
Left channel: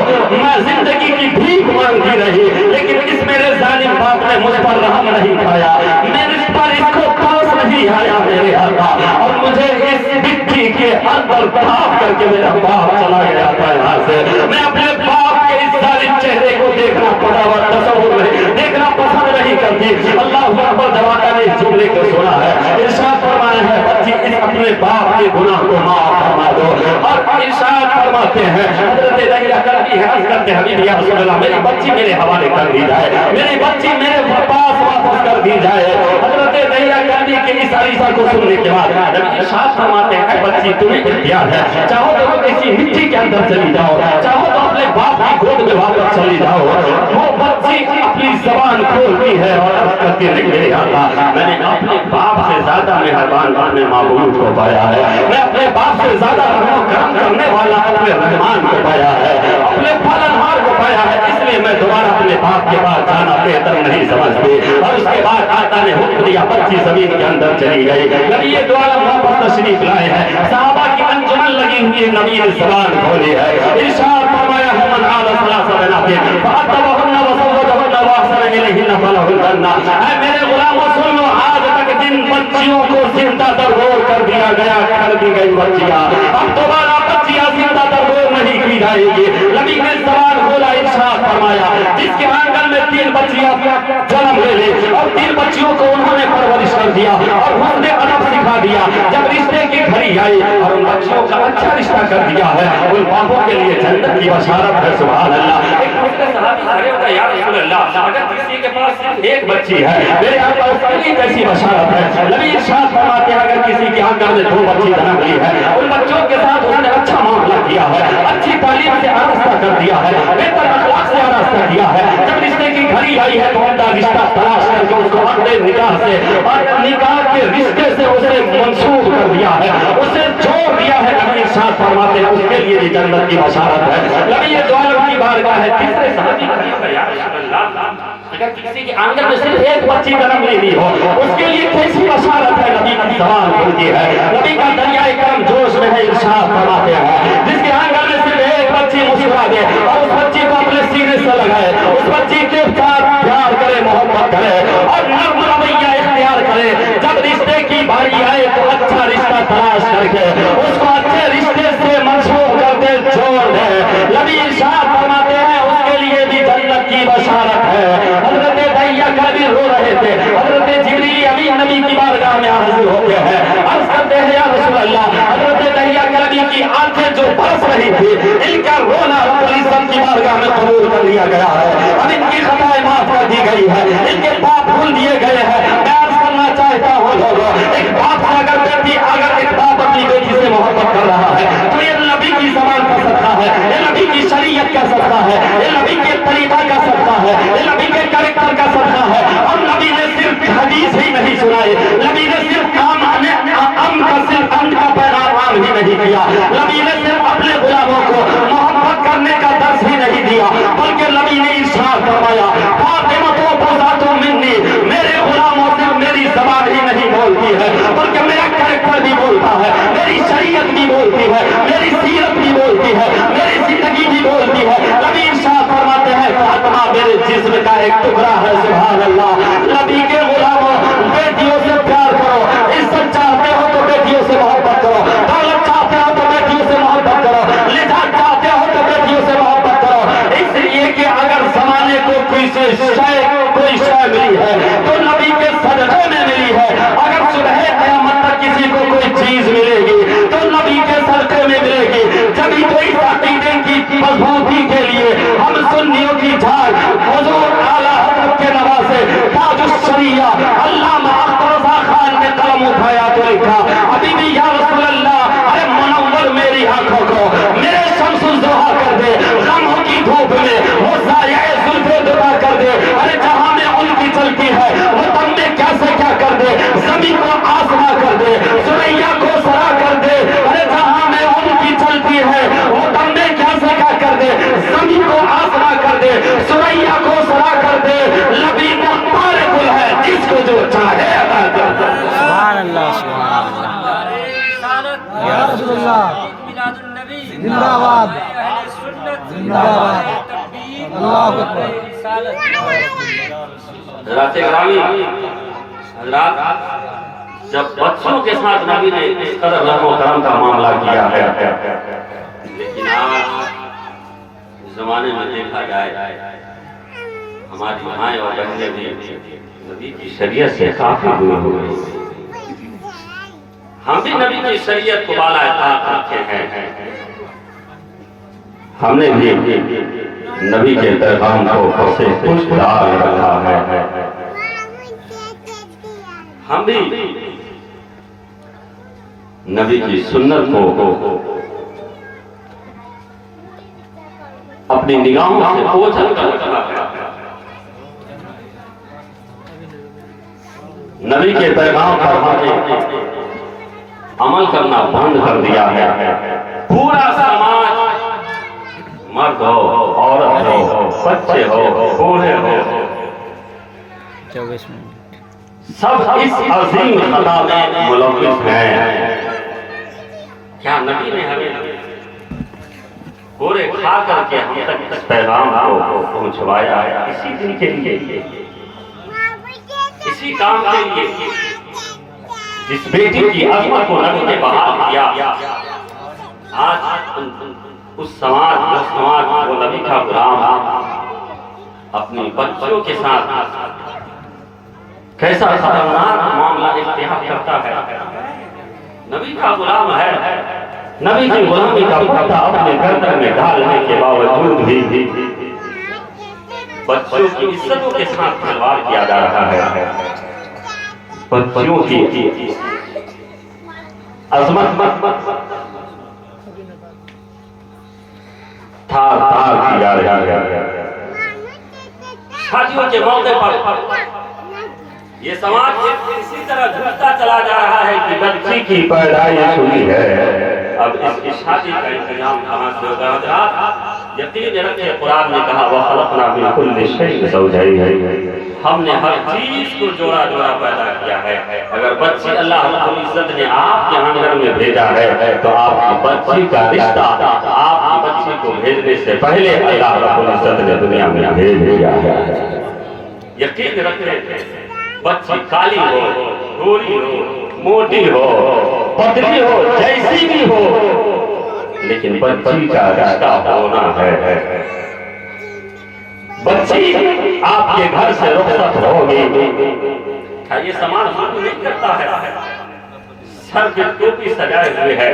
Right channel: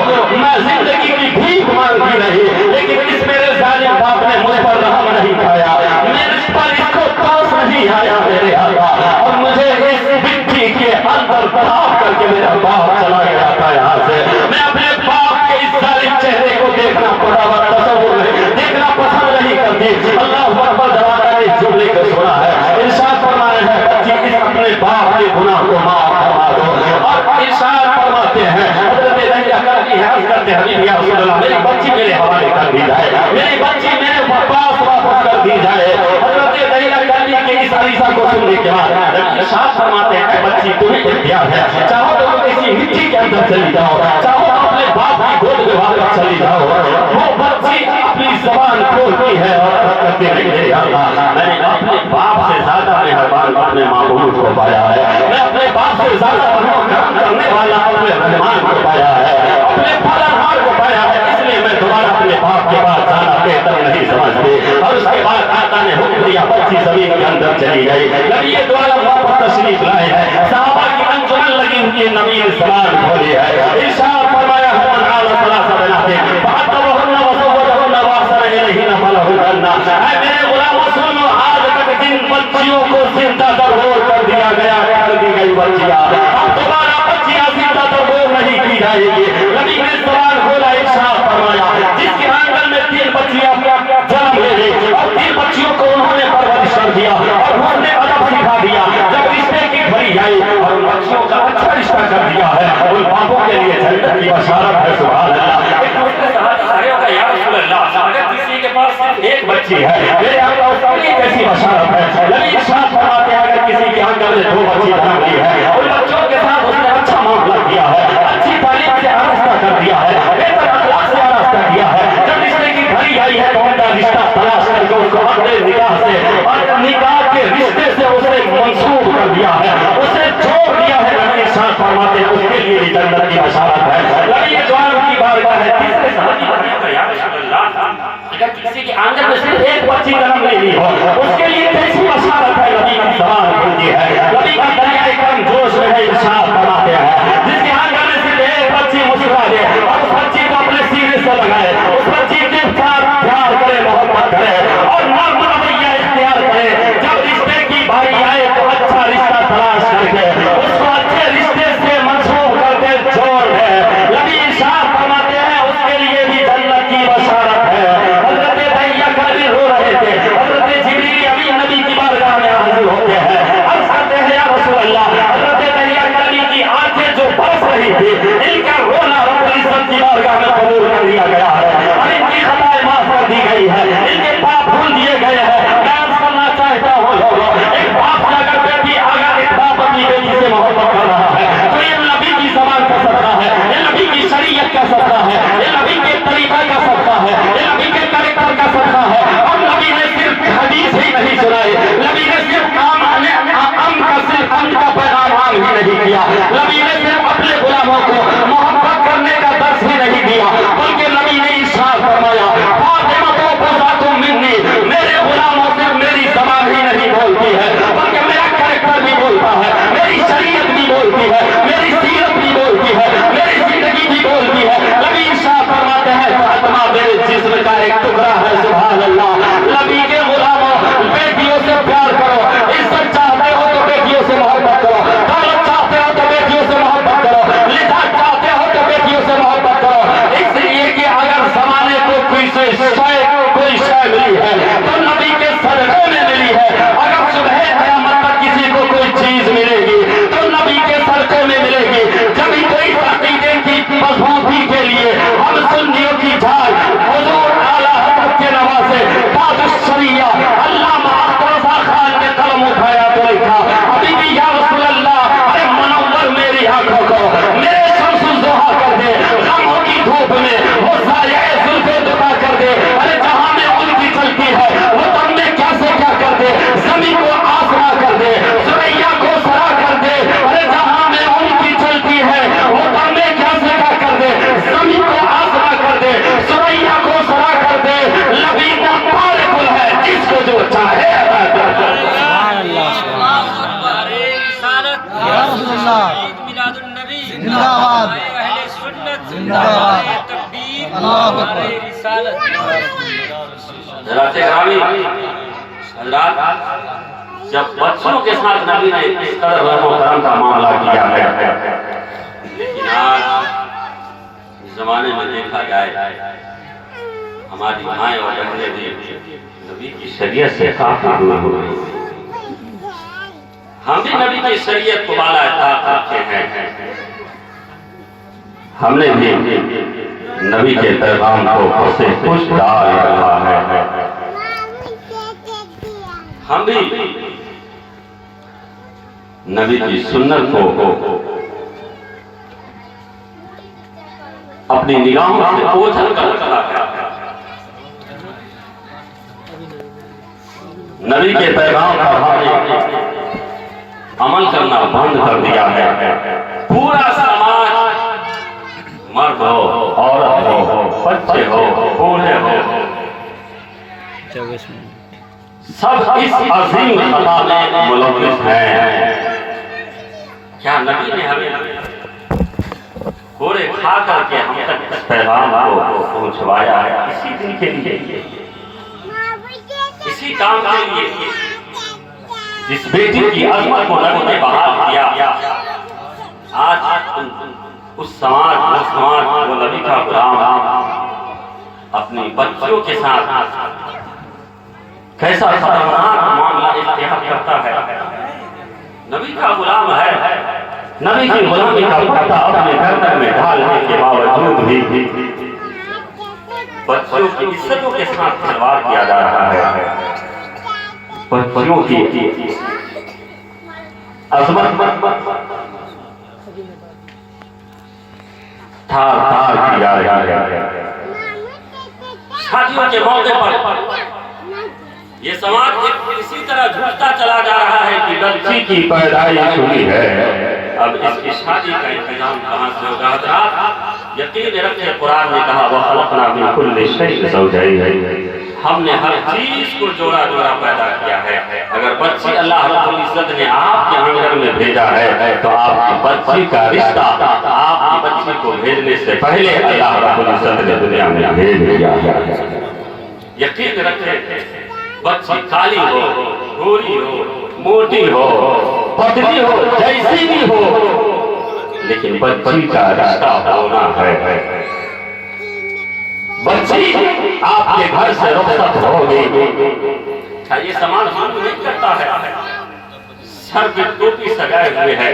मैं जिंदगी की भीख मांगी रही लेकिन इस मेरे जालिम बाप ने मुझ पर रहम नहीं खाया, मेरे पर इसको पास नहीं आया मेरे आका और मुझे इस मिट्टी के अंदर दबाव करके मेरा बाप चला गया था यहाँ से। मैं अपने बाप के इस जालिम चेहरे को देखना पड़ा हुआ तस्वुर नहीं देखना पसंद नहीं करती। अल्लाह अकबर जवाना ने इस जुमले को सुना है, इरशाद फरमाए हैं बच्ची इस अपने बाप के गुनाह को माफ फरमा दो और इरशाद फरमाते हैं हजरत दहिया कल्बी है अर्ज करते हबीबी या रसूल अल्लाह मेरी बच्ची मेरे हवाले कर दी जाए, मेरी बच्ची मेरे पास वापस कर दी जाए। हजरत दहिया कल्बी के इस अरीसा को सुनने के बाद इरशाद फरमाते हैं बच्ची तुम्हें इख्तियार है, चाहो तो तुम इसी मिट्टी के अंदर चली जाओ, चाहो तो अपने बाप की गोद में वापस चली जाओ। वो बच्ची अपनी जबान खोलती है और अर्ज करती है मेरे आका मैंने अपने बाप से ज्यादा मेहरबान अपने महबूब को पाया है, मैं अपने बाप से ज्यादा करम करने वाला अपने रहमान को पाया है, अपने पालनहार को पाया है, इसलिए मैं दोबारा अपने बाप के पास जाना बेहतर नहीं समझती। और उसके बाद आका ने हुक्म दिया बच्ची जमीन के अंदर चली गई। नबी ये द्वारा वापस तशरीफ लाए हैं, सहाबा की अंजुमन लगी हुई नबी ने ज़बान खोली है, इरशाद फरमाया हुमन आला सलासा बनाते फअतबहुन्ना वसवजहुन्ना वासन इलैहिन्ना फलहुन्ना। ऐ मेरे गुलामों सुनो आज तक जिन बच्चियों को जिंदा दरगोर कर दिया गया कर दी गई बच्चियां अब दोबारा बच्चियां जिंदा दरगोर नहीं की जाएगी। नबी ने ज़बान खोला इरशाद फरमाया जिसके आंगन में 3 बच्चियां जन्म ले ली और 3 बच्चियों को उन्होंने परवरिश कर दिया और उन्होंने अदब सिखा दिया। जब रिश्ते की घड़ी आई और उन बशारत है, सुभान अल्लाह। एक दूसरे सहाबी खड़े हो गए, या रसूल अल्लाह, अगर किसी के पास सिर्फ एक बच्ची है, मेरे आका उसकी कैसी बशारत है। नबी इरशाद फरमाते हैं अगर किसी के आंगन में 2 बच्ची जन्म ली है, उन बच्चों के साथ उसने अच्छा मामला किया है, अच्छी तालीम से आरास्ता कर दिया है, बेहतर अखलाक से आरास्ता किया है, जब रिश्ते की घड़ी आई है तो उनका रिश्ता तलाश करके उसको अपने निकाह से और निकाह के रिश्ते से उसे मंसूब कर दिया है, उसे जोड़ दिया है। नबी इरशाद फरमाते हैं उसके लिए भी जन्नत की बशारत है। नबी ये दुआ की बारगाह है। तीसरे सहाबी का या रसूल अल्लाह, अगर किसी के आंगन में सिर्फ एक बच्ची जन्म लेनी हो, उसके लिए कैसी बशारत है। नबी की ज़बान खुलती है, नबी का दरियाए करम जोश में है। इरशाद फरमाते हैं जिसके आंगन में सिर्फ एक बच्ची मुस्कुरा दे और उस बच्ची को अपने सीने से लगाए, उस बच्ची के साथ प्यार करे, मोहब्बत करे और नर्म रवैया इख्तियार करे, जब रिश्ते की बारी आए तो अच्छा रिश्ता तलाश करके उसको अच्छे रिश्ते से मंसूब करके जोड़ दे। नबी इरशाद फरमाते हैं उसके लिए भी जन्नत की बशारत है। हज़रत दैया कभी रो रहे थे, हज़रत जिब्रील अमीन नबी की बारगाह में हाजिर होते हैं, अर्ज़ करते हैं या रसूल अल्लाह, हज़रत दैया कभी की आंखें जो बरस रही थी, इनका रोना रब्बुल इज़्ज़त की बारगाह में कबूल कर लिया गया है, अब इनकी खताएं माफ कर दी गई है, इनके पाप भूल दिए गए हैं। मैं अर्ज़ करना चाहता हूँ लोगों, एक बाप से अगर एक बाप अपनी बेटी से मोहब्बत कर रहा है तो ये नबी की ज़बान कर सकता है, ये नबी की शरीयत कर सकता है, ये नबी के तरीका कर सकता है, ये नबी के कैरेक्टर कर सकता है। और नबी ने सिर्फ हदीस ही नहीं सुनाई, नबी ने सिर्फ अम का पैगाम आम ही नहीं किया, नबी ने सिर्फ अपने गुलामों को मोहब्बत करने का दर्स ही नहीं दिया, बल्कि नबी ने इरशाद फरमाया फातिमा तो बुज़ातुम मिन्नी, मेरे गुलामों से मेरी ज़बान ही नहीं बोलती है बल्कि मेरा कैरेक्टर भी बोलता है, मेरी शरीयत भी बोलती है, मेरी सीरत भी बोलती है, मेरी जिंदगी भी बोलती है। नबी इरशाद फरमाते हैं फातिमा मेरे जिस्म का एक टुकड़ा है, सुभान अल्लाह। नबी के गुलामों, बेटियों से प्यार करो, इज्जत चाहते हो तो बेटियों से मोहब्बत करो, दौलत चाहते हो तो बेटियों से मोहब्बत करो, लिजात चाहते हो तो बेटियों से मोहब्बत करो, इसलिए कि अगर जमाने को कोई शय मिली है तो नबी के सदक़े में मिली है। अगर सुबह क़यामत तक किसी को कोई चीज मिलेगी तो नबी के सदक़े में मिलेगी। जब कोई अक़ीदे की मज़बूती के लिए हम सुन्नियों की झाल हुज़ूर आला हज़रत के नवासे ताजुश शरिया अल्लामा अख्तर रज़ा खान ने कलम उठाया तो लिखा अभी भी या रसूल अल्लाह, अरे मुनव्वर मेरी आंखों को मेरे शम्सुज़ ज़ोहा कर दे, गमों की धूप में वो ज़ाया ज़ुल्फ़े दुआ कर दे, अरे जहां में उनकी चलती है वो तब में क्या से क्या कर दे, ज़मीन को आसमां कर दे, सुरैया को सरा कर दे, अरे जहां में उनकी चलती है वो तब में क्या से क्या कर दे, ज़मीन को आसमां कर दे, सुरैया को सरा कर दे, नबी मुबारकुल है जिसको जो चाहे अता कर दे। सुभान अल्लाह, सुभान अल्लाह। या रसूलल्लाह मिलादुन नबी जिंदाबाद, अहले सुन्नत जिंदाबाद, तकबीर अल्लाहु अकबर, रिसालत। हज़रात ग्रामी हज़रात, जब बच्चों के साथ नबी ने इस कदर रहम करम का मामला किया है, लेकिन आज इस जमाने में देखा जाए हमारी माएँ और बहनें भी नबी की शरीयत से काफी दूर हो गई। हम भी नबी की शरीयत को बाला रखते हैं, हमने भी नबी के पैगाम को उससे कुछ डाल रखा है। हम भी नबी की सुन्नत को अपनी निगाहों से ओझल कर रखा है, नबी के पैगाम पर हमने अमल करना बंद कर दिया है। पूरा समाज, मर्द हो, औरत हो, बच्चे हो, बूढ़े हो, सब इस अजीम खता में मुलव्विस हैं। क्या नबी ने हमें कोरे खा करके हम तक इस पैगाम को पहुंचवाया है? इसी दिन के लिए, इसी काम के लिए, जिस बेटी की अजमत को नबी ने बहाल किया, आज उस समाज वो नबी का गुलाम अपने बच्चों के साथ कैसा खतरनाक मामला इख्तियार करता है। नबी का गुलाम है नबी की गुलामी का पट्टा अपने गर्दन में डालने के बावजूद भी बच्चों की इज्जतों के साथ खिलवाड़ किया जा रहा है। बच्चियों की अजमत थार थार की जा रही है। शादियों के मौके पर ये समाज इसी तरह झूठता चला जा रहा है कि बच्ची की पैदाइश हुई है, अब इसकी शादी का इंतजाम कहां से होगा? यकीन रखें, कुरान ने कहा वह खलकना मिन कुल्लि शैइन ज़ौजैन, हमने हर चीज को जोड़ा जोड़ा पैदा किया है। अगर बच्ची अल्लाह रब्बुल इज्जत ने आपके आंगन में भेजा है तो आपकी बच्ची का रिश्ता आपकी बच्ची को भेजने से पहले अल्लाह रब्बुल इज्जत ने दुनिया में भेज दिया है। यकीन रखें, बच्ची काली हो, गोरी हो, मोटी हो, पतली हो, जैसी भी हो, लेकिन बच्ची का रिश्ता होना है। बच्ची आपके घर से रुखसत होगी, ये समाज जुल्म नहीं करता है, सर पे टोपी सजाए हुए है,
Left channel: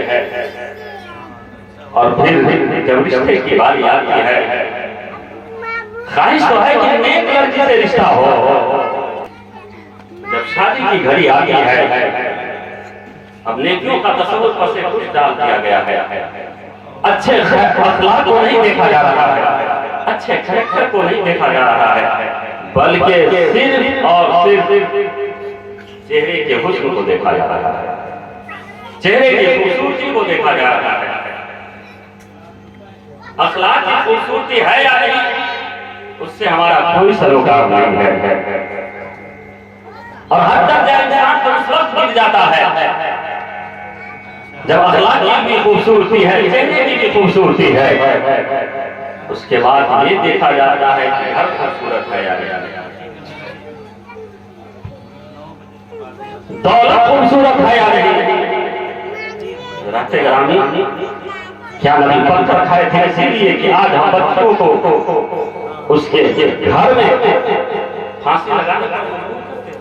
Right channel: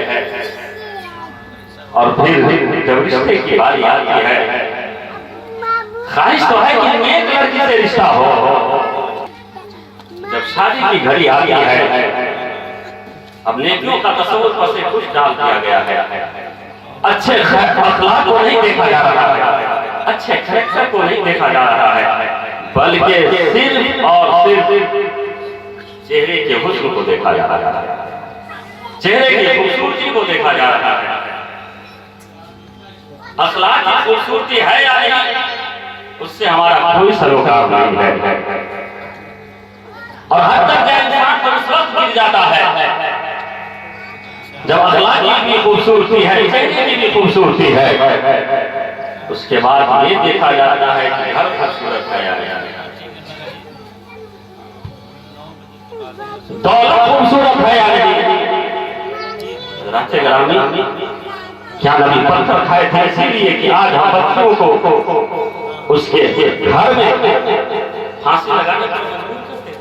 और फिर जब रिश्ते की बारी आती है, ख्वाहिश तो है कि नेक लड़की से रिश्ता हो। जब शादी की घड़ी आती है, अब नेकियों का तसव्वुर पर से कुछ डाल दिया गया है। अच्छे अखलाक को नहीं देखा जा रहा है, अच्छे कैरेक्टर को नहीं देखा जा रहा है, बल्कि सिर्फ और सिर्फ चेहरे के हुस्न को देखा जा रहा है, चेहरे की खूबसूरती को देखा जा रहा है। अखलाक की खूबसूरती है या नहीं, उससे हमारा कोई सरोकार नहीं है। और हर तक इंसान तो उस वक्त गिर जाता है जब अखलाक की खूबसूरती है, चेहरे की भी खूबसूरती है, उसके बाद ये देखा जाता है कि हर खूबसूरत है या नहीं, दौलत खूबसूरत है या नहीं। रास्ते ग्रामी क्या नबी पत्थर खाए थे इसीलिए कि आज हम बच्चों को उसके घर में फांसी लगाने पर मजबूर करते हैं।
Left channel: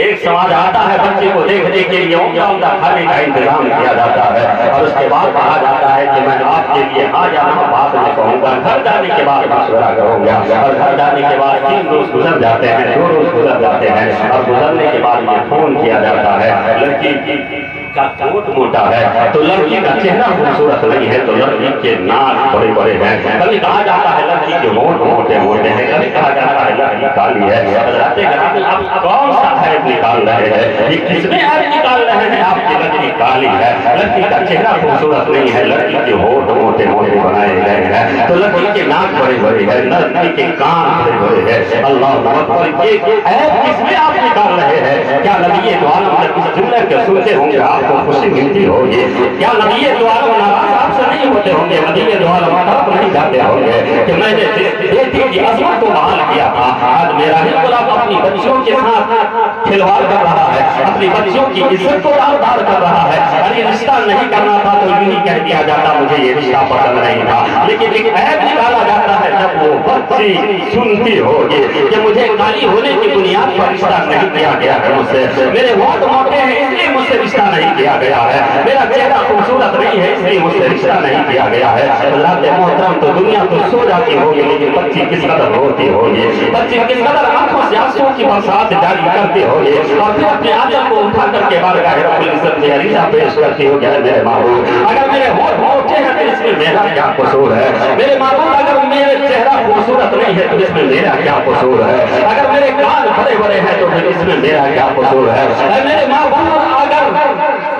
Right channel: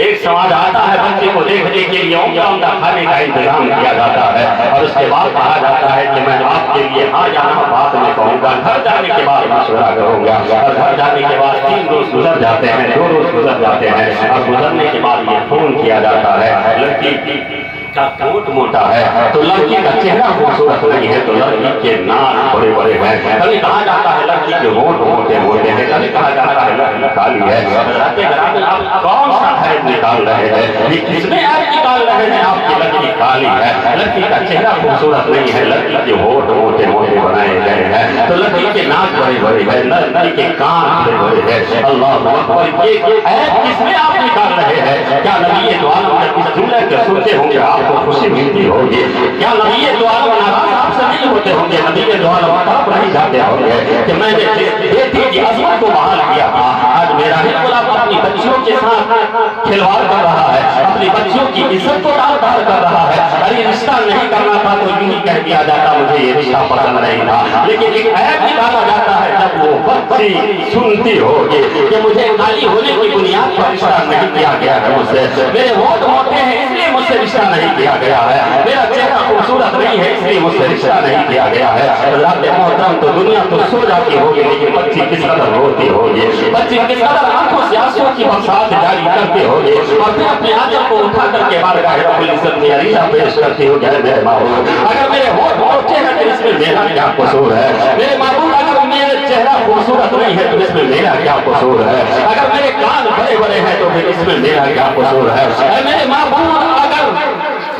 एक समाज आता है बच्ची को देखने के लिए उम्दा खाने का इंतजाम किया जाता है, और उसके बाद कहा जाता है कि मैं आपके लिए आज यहाँ बाद में कहूँगा। घर जाने के बाद मशवरा करूँगा, और घर जाने के बाद 3 रोज गुजर जाते हैं, 2 रोज गुजर जाते हैं, और गुजरने के बाद ये फोन किया जाता है लड़की का कोट मोटा है तो लड़की का चेहरा खूबसूरत नहीं है, तो लड़की के नाक बड़े बड़े हैं। कभी कहा जाता है लड़की के होंठ मोटे मोटे हैं, कभी कहा जाता है लड़की काली है। आप कौन सा है निकाल रहे हैं, किसमें आप निकाल रहे हैं आपकी लड़की काली है, लड़की का चेहरा खूबसूरत नहीं है, लड़की के होंठ मोटे मोटे बनाए गए हैं, तो लड़की के नाक बड़े बड़े हैं, लड़की के कान बड़े बड़े हैं। अल्लाह अकबर, ये ऐप किसमें आप निकाल रहे हैं? क्या नबी ये दुआ इस जुमले के सुनते होंगे आपको खुशी मिलती होगी? क्या नबी ये दुआ नाराज आपसे नहीं होते होंगे? नबी के दुआ आप नहीं जाते होंगे कि मैंने बेटी की अजमत को बहाल किया था, आज मेरा ही गुलाम अपनी बच्चियों के साथ खिलवाड़ कर रहा है, अपनी बच्चियों की इज्जत को दार कर रहा है। अरे रिश्ता नहीं करना था तो यूं ही कह दिया जाता मुझे ये रिश्ता पसंद नहीं था, लेकिन ऐप निकाला जाता है जब वो बच्ची सुनती होगी कि मुझे काली होने की बुनियाद पर रिश्ता नहीं किया गया है, मुझसे मेरे होंठ मोटे हैं इसलिए मुझसे रिश्ता नहीं किया गया है, मेरा चेहरा खूबसूरत नहीं है इसलिए मुझसे रिश्ता नहीं किया गया है। मोहतरम, तो दुनिया तो सो जाती होगी, लेकिन बच्ची किस कदर रोती होगी, बच्ची किस कदर आंखों से आंसुओं की बरसात जारी करती होगी, और फिर अपने आंचल को उठा करके बारगाह रब्बुल इज्जत में अरीजा पेश करती होगी, मेरे माबूद अगर मेरे होंठ मोटे हैं तो इसमें मेरा क्या कसूर है? मेरे माबूद अगर मेरे चेहरा खूबसूरत नहीं है तो इसमें मेरा क्या कसूर है? अगर मेरे कान बड़े बड़े हैं तो फिर इसमें मेरा क्या कसूर है? मेरे माबूद अगर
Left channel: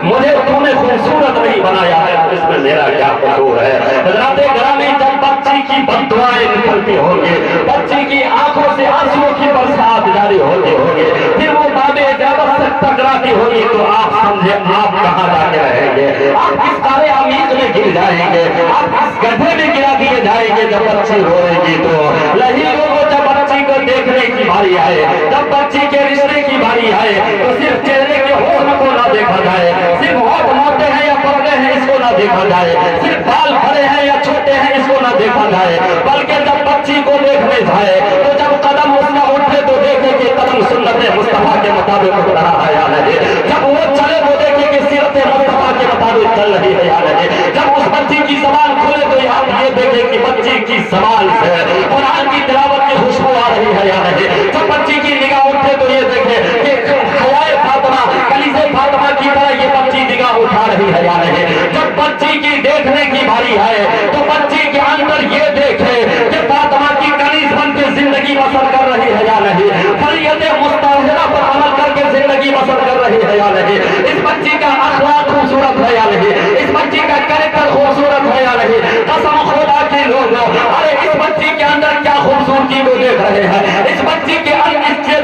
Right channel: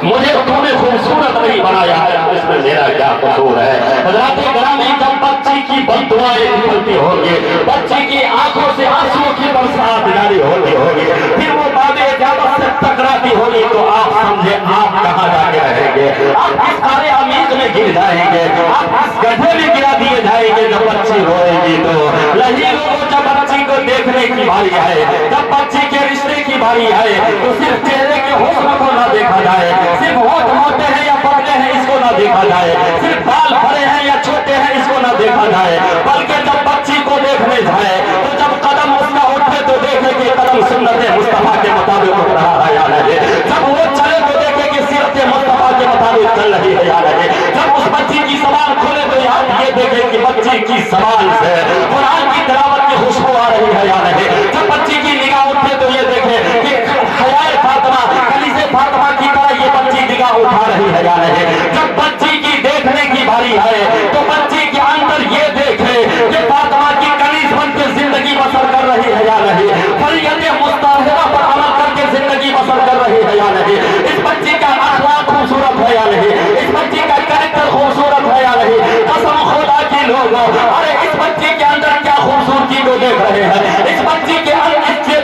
मुझे तूने खूबसूरत नहीं बनाया है तो इसमें मेरा क्या कसूर है? हज़रात ग्रामी, जब बच्ची की बददुआएं निकलती होंगी, बच्ची की आंखों से आंसुओं की बरसात जारी होती होगी, फिर वो बाबे इजाजत से टकराती होगी, तो आप समझे आप कहाँ जाके रहेंगे? आप किस कारे अमीर में गिर जाएंगे, आप किस गड्ढे में गिरा दिए जाएंगे? जब बच्ची रोएगी तो नहीं लोगों, जब बच्ची को देखने की बारी आए, जब बच्ची के रिश्ते की बारी आए, तो सिर्फ चेहरे के हुस्न को ना देखा जाए, सिर्फ होंठ मोटे हैं या पतले हैं इसको ना देखा जाए, सिर्फ बाल बड़े हैं या छोटे हैं इसको ना देखा जाए, बल्कि जब बच्ची को देखने जाए तो जब कदम उसका उठे तो देखे कि कदम सुन्नत मुस्तफा के मुताबिक उठ रहा है या नहीं, जब वो चले तो देखे कि सीरत मुस्तफा के मुताबिक ثابت کر رہی ہے یا نہیں؟ جب اس بچی کی زبان کھولے تو آپ یہ دیکھیں کہ بچی کی زبان سے قرآن کی تلاوت کی خوشبو آ رہی ہے یا نہیں؟ جب بچی کی نگاہ اٹھے تو یہ دیکھیں کہ حیائے فاطمہ کنیزے فاطمہ کی طرح یہ بچی نگاہ اٹھا رہی ہے یا نہیں؟ جب بچی کی دیکھنے کی باری ہے تو بچی کے اندر یہ دیکھے کہ فاطمہ کی کنیز بن کے زندگی بسر کر رہی ہے یا نہیں؟ فریض مستحضرہ پر عمل کر کے زندگی بسر کر رہی ہے یا نہیں؟ اس بچی کا اخلاق خوبصورت ہے یا نہیں؟ اس بچی کا کریکٹر خوبصورت ہے یا نہیں؟ قسم خدا کی لوگوں، ارے اس بچی کے اندر کیا خوبصورتی کو دیکھ رہے ہیں؟ اس بچی کے اندر اس کے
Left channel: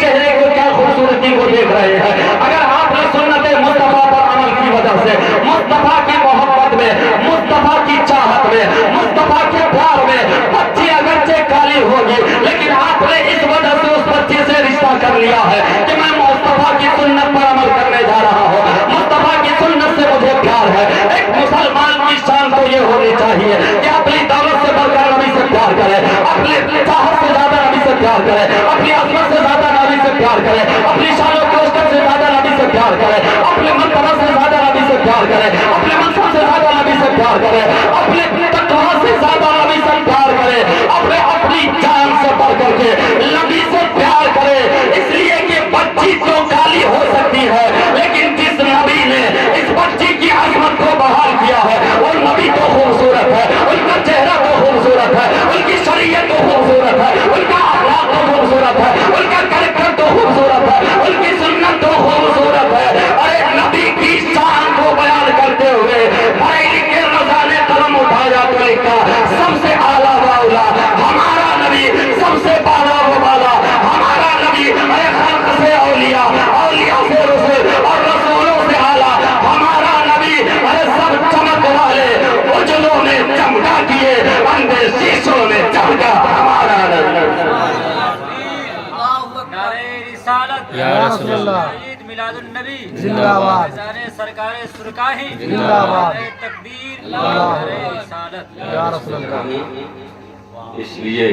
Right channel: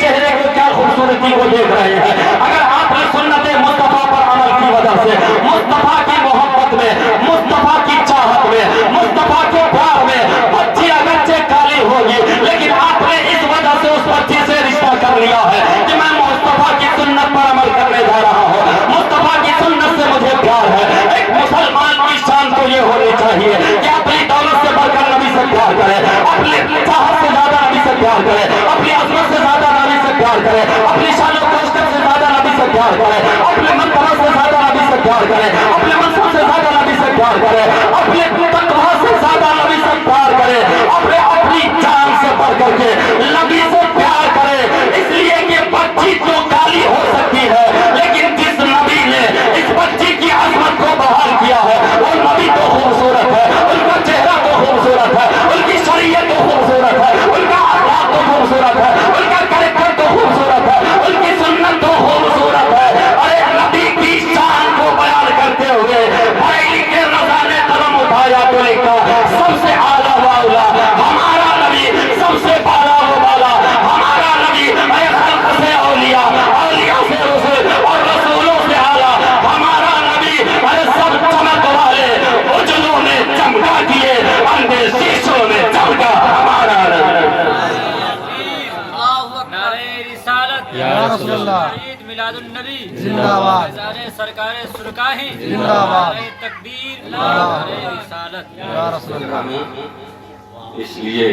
چہرے کو کیا خوبصورتی کو دیکھ رہے ہیں؟ اگر آپ نے سنت مصطفیٰ پر عمل کی وجہ سے، مصطفیٰ کی محبت میں، مصطفیٰ کی چاہت میں، مصطفیٰ کے پیار میں بچی اگرچہ کالی ہوگی لیکن آپ نے اس وجہ سے اس بچی سے رشتہ کر لیا ہے کہ میں مصطفیٰ کی سنت پر عمل کرنے جا رہا ہوں، مصطفیٰ کی سنت سے مجھے پیار ہے۔ ایک مسلمان کی شان تو یہ ہونی چاہیے کہ اپنی دولت سے بڑھ کر نبی سے پیار کرے، اپنی چاہت سے زیادہ نبی سے پیار کرے، اپنی عظمت سے زیادہ نبی سے پیار کرے، اپنی شان و کوشت سے زیادہ نبی سے پیار کرے، اپنے مرتبہ سے زیادہ نبی سے پیار کرے، اپنے منصب سے زیادہ نبی سے پیار کرے، اپنے تقویٰ سے زیادہ نبی سے پیار کرے، اپنی جان سے بڑھ کر کے نبی سے پیار کرے۔ اس لیے کہ بچی جو کالی ہو سکتی ہے لیکن جس نبی نے اس بچی کی عظمت کو بحال کیا ہے وہ نبی تو خوبصورت ہے، ان کا چہرہ تو خوبصورت ہے، ان کی شریعت تو خوبصورت ہے، ان کا اخلاق تو خوبصورت ہے، ان کا کریکٹر تو خوبصورت ہے، ان کی سنت تو خوبصورت ہے۔ ارے نبی کی شان کو بیان کرتے ہوئے بھائی کے رضا نے قلم اٹھایا تو لکھا سب سے اعلیٰ و اولیٰ ہمارا نبی، سب سے بالا و بالا ہمارا نبی، اے خلق سے اولیاء، اولیاء سے رسول اور رسولوں سے اعلیٰ ہمارا نبی، ارے سب چمک والے اجلوں میں چمکا دیے، اندھے شیشوں میں چمکا ہمارا نبی۔ یا رسول اللہ، عید میلاد النبی زندہ باد، سرکار سرکاہی زندہ باد، تکبیر، نعرہ رسالت، یا رسول اللہ۔ اس لیے